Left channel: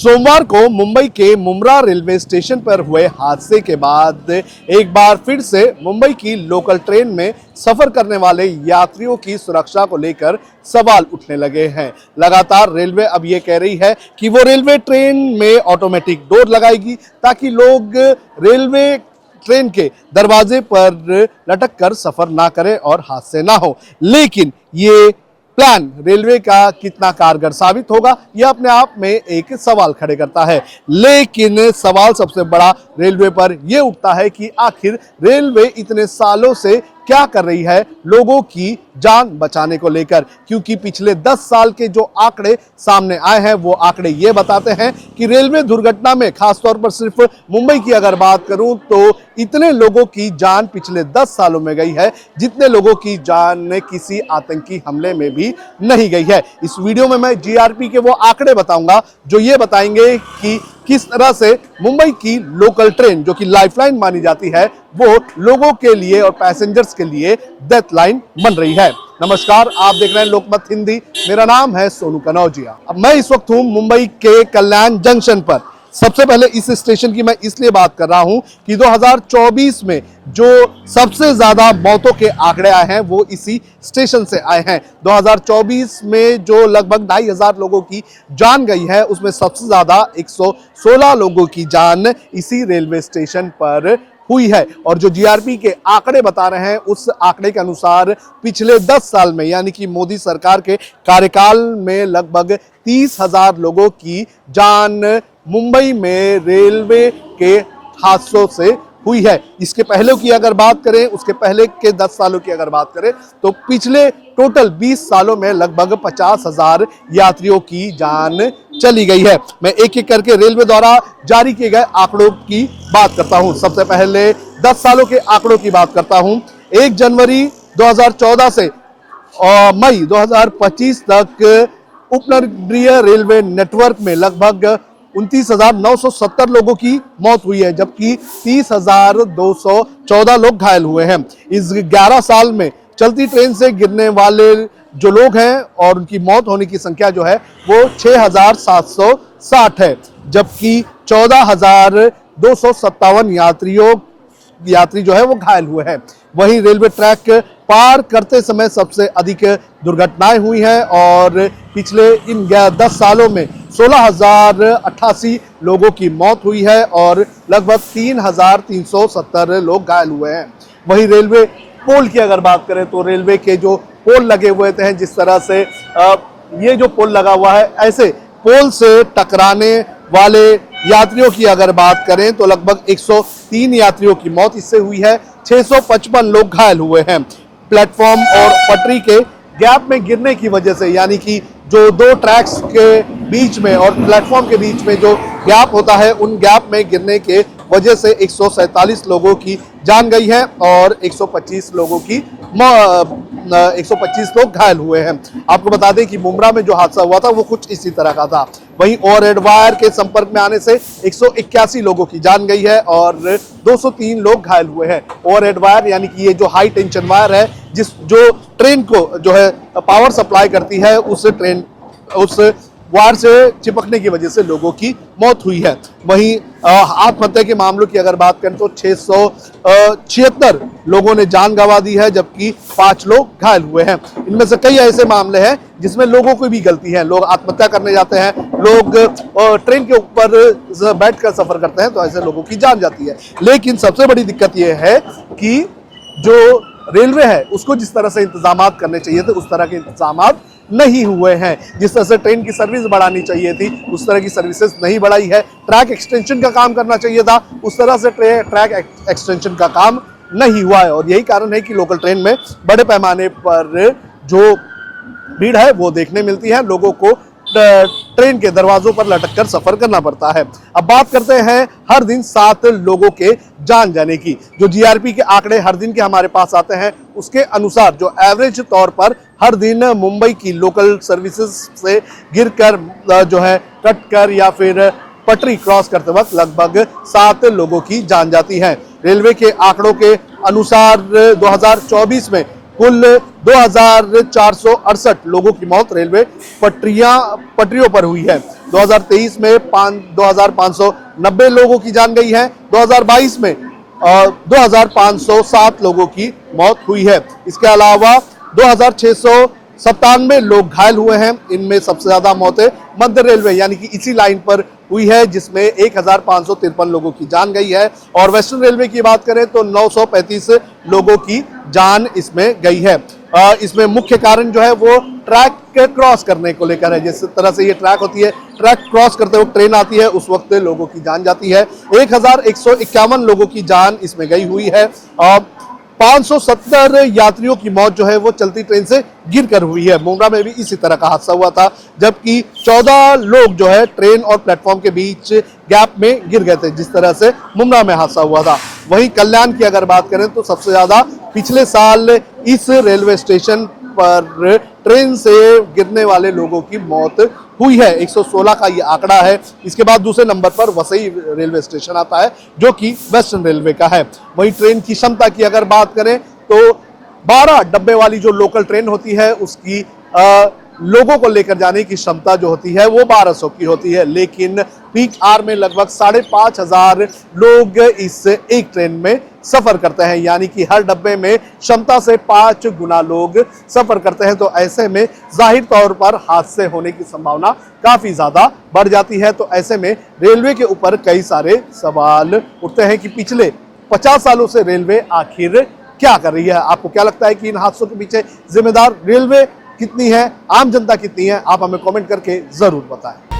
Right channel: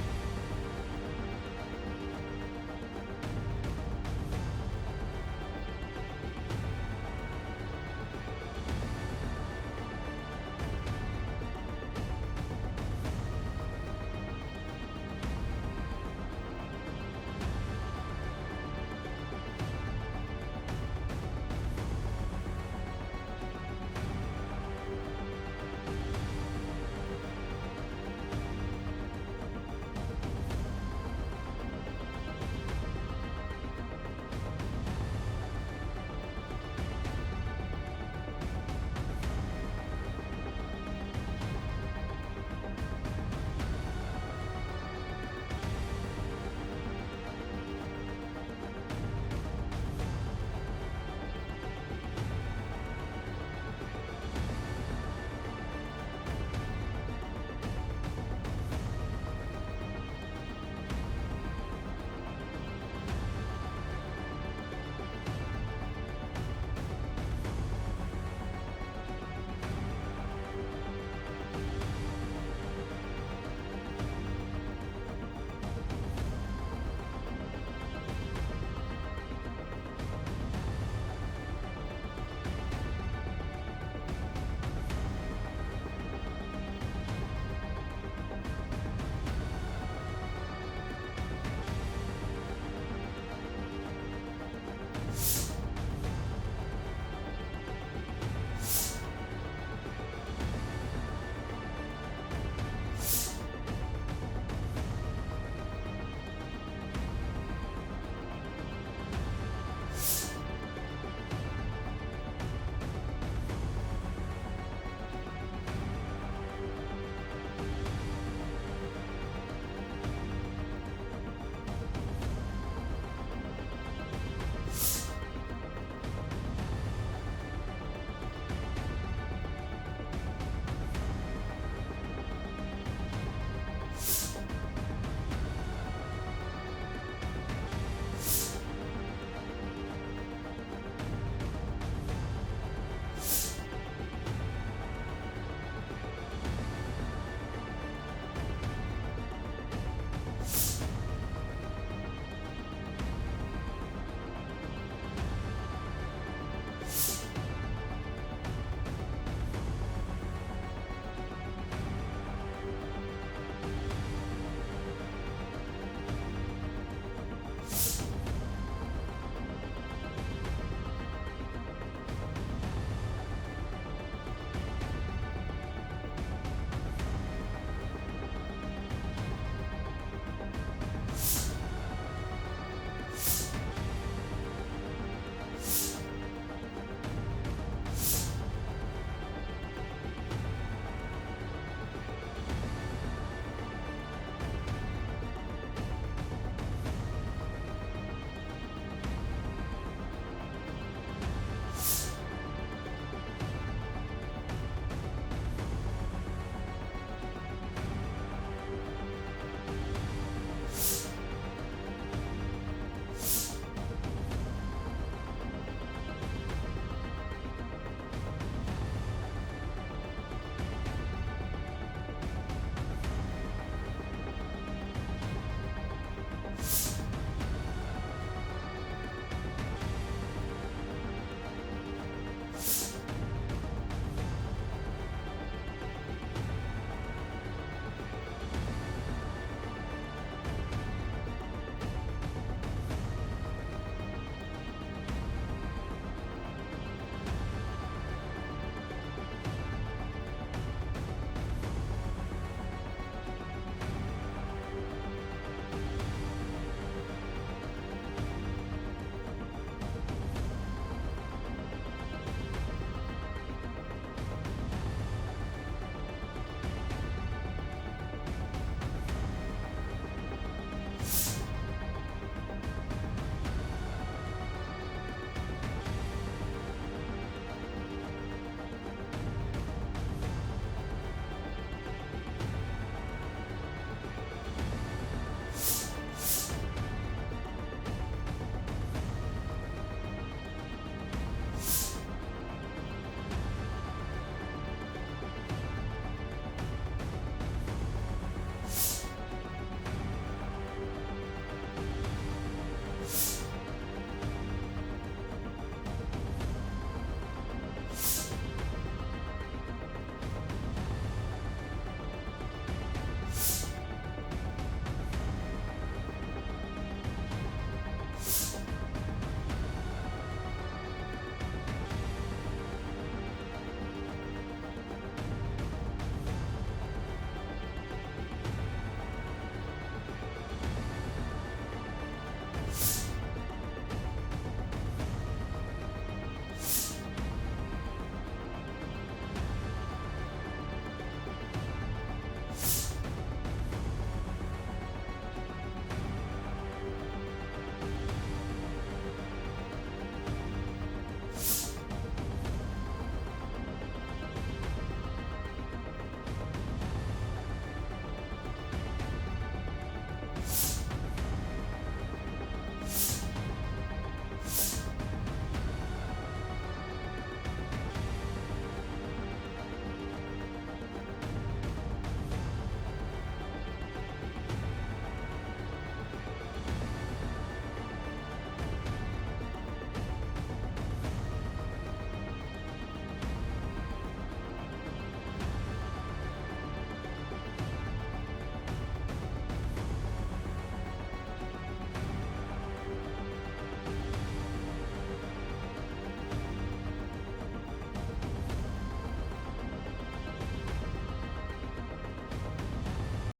सोमवार को मुंबई के मुंब्रा रेलवे स्टेशन पर हुए हादसे के बाद एक बार फिर से मुंबई की लोकल ट्रेन में सफर करने वाले यात्रियों की सुरक्षा को लेकर सवाल उठने लगे हैं। लगातार रेलवे अब ये कह रही है कि वो रेलवे ट्रेन में ऑटोमेटिक डोर लगाएगी ताकि लोग रेलवे ट्रेन के दरवाजे पर लटक कर सफर ना करें और हादसे ना हो। लेकिन ये प्लान रेलवे का कितना कारगर साबित होगा, यह अपने आप में एक सवाल खड़े करता है। लेकिन सवाल सबसे बड़ा रेलवे पर यह उठता है कि आखिर रेलवे इतने सालों से क्या कर रही है लोगों की जान बचाने को लेकर, क्योंकि पिछले 10 साल के जो आंकड़े सामने आए हैं वो आंकड़े ये बताते हैं कि रेलवे दुर्घटना में खासतौर पर सिर्फ मुंबई की अगर बात करूं तो इतने लोगों की जान पिछले 10 सालों में गई है जितने लोगों की जान किसी आतंकी हमले में भी नहीं गई है। इस वीडियो में मैं जीआरपी के वो आंकड़े बताऊंगा जो ये बताएंगे कि किस तरह से मुंबई की लोकल ट्रेन, जो कि लाइफलाइन मानी जाती है, वो लोगों के लिए और पैसेंजर्स के लिए डेथ लाइन बन रही है। नमस्कार, आप देख रहे हैं लोकमत हिंदी। मेरा नाम है सोनू कनौजिया। अब मैं इस वक्त हूं मुंबई के कल्याण जंक्शन पर। सबसे पहले इस स्टेशन की मैं इसलिए बात कर रहा हूं कि 2024 में जो सबसे ज्यादा मौतों के आंकड़े आए हैं वो इसी स्टेशन से आए हैं। 2024 में जो लगभग 2500 लोगों की जान गई है उसमें सबसे ज्यादा 116 लोगों की जान इसी रेलवे स्टेशन पर हुई है। और जो जीआरपी के आंकड़े बता रहे हैं उस आंकड़े के अनुसार पिछले 10 साल में, यानी कि मोदी सरकार के कार्यकाल में, लगभग 30,000 लोगों की जान मुंबई में रेलवे के हादसों से हुई है। इसके पहले की अगर बात करें, उसके पहले के 10 सालों की अगर बात करें तो पिछले टोटल 20 सालों में लगभग 50,000 यात्रियों की जान चली गई है। मैं एक एक करके रेलवे द्वारा जारी किए गए आंकड़ों की बात करता हूं। सबसे पहले 10 सालों के आंकड़ों की बात करता हूं। 1 जनवरी 2014 से मई 2025 तक उपनगरीय रेलवे नेटवर्क में लगभग 29,970 लोगों की मौत हुई है, जबकि 30,214 लोग घायल हुए हैं। इस 11 साल में चलती ट्रेन से गिरने वाले जो लोग हैं और उनकी मौत होने की संख्या जो है वो 6,760 है, जबकि 14,257 यात्री जो है वो घायल हुए हैं। वहीं रेलवे ट्रैक पार करते समय सबसे अधिक दुर्घटनाएं हुई हैं और पिछले इन 10 सालों में 16,088 लोगों की मौत हुई है और लगभग 3,370 लोग घायल हुए हैं। वहीं रेलवे पोल की अगर बात करें तो रेलवे के जो पोल लगे हुए थे, जिस तरह से ये जो पोल लगा हुआ है, ऐसे पोल से टकराने वाले यात्रियों की अगर बात करें तो लगभग 103 यात्रियों की मौत इससे हुई है। 655 लोग घायल हुए हैं। प्लेटफॉर्म और पटरी के गैप में गिरने की वजह से, यानी कि जो 2 ट्रैक्स के बीच में और प्लेटफॉर्म के बीच में जो गैप होता है, उन गैप में गिरने के वजह से 147 लोगों की जान गई है और 125 लोग घायल हुए हैं। आपको बता दें कि मुंब्रा में जो हादसा हुआ था वो कुछ इसी तरह का था। वहीं ओवरहेड वायर के संपर्क में आने से 181 लोगों की जान गई है और 203 लोग घायल हुए हैं। ओवरहेड वायर यानी कि ये जो हाई टेंशन वायर है, जो ट्रेन को जो है पावर सप्लाई करती है, उस वायर से चिपकने की वजह से लोगों की मौत हुई है। वहीं आत्महत्या के मामलों की अगर बात करें तो 676 लोगों ने जान गंवा दी है, जबकि 5 लोग घायल हुए हैं। इनमें से कई ऐसे मामले हैं जिसमें लोगों की भी गलती है। लोग आत्महत्या करने जाते हैं, लोग ट्रेन के ऊपर बैठकर सफर करते हैं तो ऐसे लोगों की जान जाती है। लेकिन सबसे बड़ी दिक्कत यह है कि जो रेलवे है उसको जिस तरह से इंतजाम करने चाहिए थे उस तरह के इंतजाम नहीं हुए हैं। जिस तरह से ट्रेन की सर्विस बढ़ानी चाहिए थी उस तरह की सर्विसेज नहीं बढ़ाई है। ट्रैक एक्सटेंशन का काम करना चाहिए था, उस तरह से ट्रैक एक्सटेंशन का काम नहीं हुआ है। और यही कारण है कि लोकल ट्रेन में बड़े पैमाने पर जो भीड़ है वो देखने मिलती है। लोगों को ट्रेन के दरवाजों पर लटक कर सफर करना पड़ता है। अब बात करते हैं हर दिन 7 लोगों के जान जाने की। जो जीआरपी के आंकड़े हर दिन के हमारे पास आते हैं उसके अनुसार जो एवरेज तौर पर हर दिन मुंबई की लोकल सर्विसेज से गिरकर जो है कटकर या फिर पटरी क्रॉस करते वक्त लगभग 7 लोगों की जान जाती है। रेलवे के आंकड़ों के अनुसार 2024 में कुल 2468 लोगों की मौत रेलवे पटरियों पर हुई है। 2023 में 2590 लोगों की जान गई है। 2022 में 2507 लोगों की मौत हुई है। इसके अलावा 2697 लोग घायल हुए हैं। इनमें सबसे ज्यादा मौतें मध्य रेलवे यानी कि इसी लाइन पर हुई है, जिसमें 1553 लोगों की जान गई है। और वेस्टर्न रेलवे की बात करें तो 935 लोगों की जान इसमें गई है। इसमें मुख्य कारण जो है वो ट्रैक क्रॉस करने को लेकर है। जिस तरह से ये ट्रैक होती है, ट्रैक क्रॉस करते वक्त ट्रेन आती है, उस वक्त लोगों की जान जाती है। 1151 लोगों की जान इसमें गई हुई है। 570 यात्रियों की मौत जो है वो चलती ट्रेन से गिरकर हुई है। मुंब्रा में भी इसी तरह का हादसा हुआ था, जबकि 14 लोग जो है ट्रेन और प्लेटफॉर्म के बीच गैप में गिर गए थे, जिस तरह से मुंब्रा में हादसा हुआ था। वहीं कल्याण की अगर बात करें तो सबसे ज्यादा पिछले साल इस रेलवे स्टेशन पर ट्रेन से गिरने वाले लोगों की मौत हुई है। 116 का ये आंकड़ा है। इसके बाद दूसरे नंबर पर वसई रेलवे स्टेशन आता है, जो कि वेस्टर्न रेलवे का है। वहीं ट्रेन की क्षमता की अगर बात करें तो 12 डब्बे वाली जो लोकल ट्रेन होती है उसकी लोगों को लेकर जाने की क्षमता जो होती है वो 1200 की होती है, लेकिन पीक आवर में लगभग 5500 लोग इस एक ट्रेन में सफर करते हैं, यानी कि हर डब्बे में क्षमता से 5 गुना लोग सफर करते हैं। तो ऐसे में जाहिर तौर पर हादसे होने की संभावना काफी ज्यादा बढ़ जाती है। तो ऐसे में रेलवे के ऊपर कई सारे सवाल उठते हैं कि पिछले 50 सालों से रेलवे आखिर क्या कर रही है। आपको क्या लगता है कि इन हादसों के पीछे जिम्मेदार रेलवे कितनी है, आम जनता कितनी है? आप हमें कमेंट करके जरूर बताएं।